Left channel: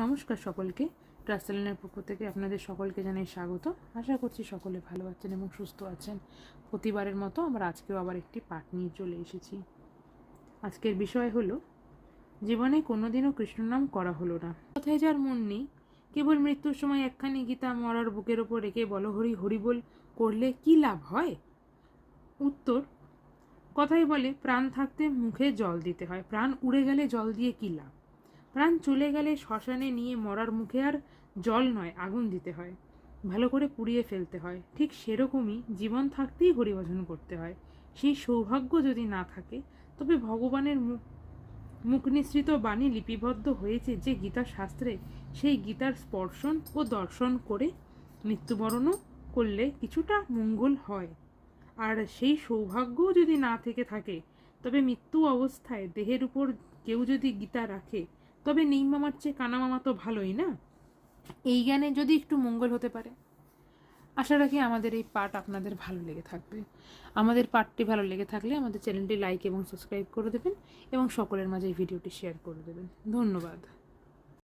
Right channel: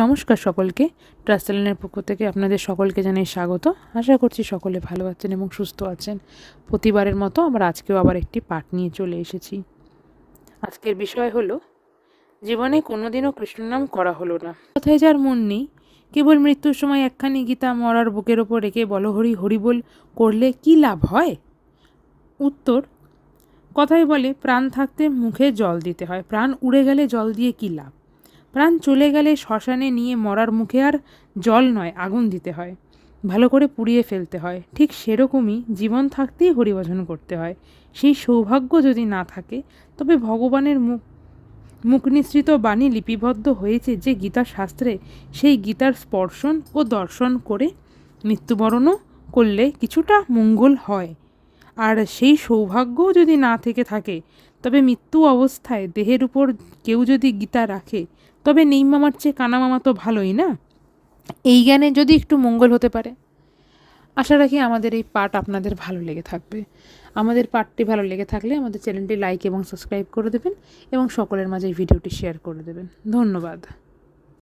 নমস্কার সকলকে। ট্রাস্ট চ্যানেলের পক্ষ থেকে আপনাদের সকলকে জানাই স্বাগত। আশা করছি সকলে ভালো আছেন এবং সুস্থ আছেন। প্রতিবারের মতো আমরা আজকেও আবার একটি পাঠ নিয়ে চলে এসেছি। আজকের বিষয় হলো জীবনে কোনোদিনও কৃষ্ণনাম করা হলো না। কথায় যার মন নেই, কেবল মৃত্যুর সময় একখানি গীতা মরার বুকের ওপর রেখে বলো হরি হরি বল করলে কি লাভ হয়? উত্তর, কথাই বলে প্রাণ থাকতে মুখে জল দিতে হয়, প্রাণ উড়ে গেলে জল দিয়ে কি লাভ। প্রাণ চলে গেলে শ্মশানে নিয়ে মরার মুখে আর জল নয়, আগুন দিতে হয়, ভালো করে পুড়িয়ে ফেলতে হয়। ঠিক সেরকমই জীবন থাকতেই হরিভজন করতে হয়। সেই সৌভাগ্য যদি না থাকে, তবে ভগবানের মুখ নিঃসৃত বাণী লিপিবদ্ধ হয়েছে যে গীতা শাস্ত্রে, সেই গীতার স্পর্শন ও দর্শন করে মৃত্যুবরণও করলে কিছুটা মঙ্গল হয়। আর সেই সৌভাগ্যও যদি না থেকে থাকে, তবে মৃত্যু অবস্থায় দেহের উপর কেউ যদি গীতা রাখে, তবে নেই মামার চেয়ে কানা মামা তো ভালোই না। এই জ্ঞানে যদি একটু মঙ্গল হতে পারে। আশা রাখি আমাদের এই পাঠ আপনাদের ভালো লেগে থাকবে। আমাদের পাঠটি ভালো লেগে থাকলে আমাদের চ্যানেলটি লাইক এবং সাবস্ক্রাইব করে দেবেন এবং সকলের মাঝে এই ভিডিওটি শেয়ার করে দেবেন। ধন্যবাদ।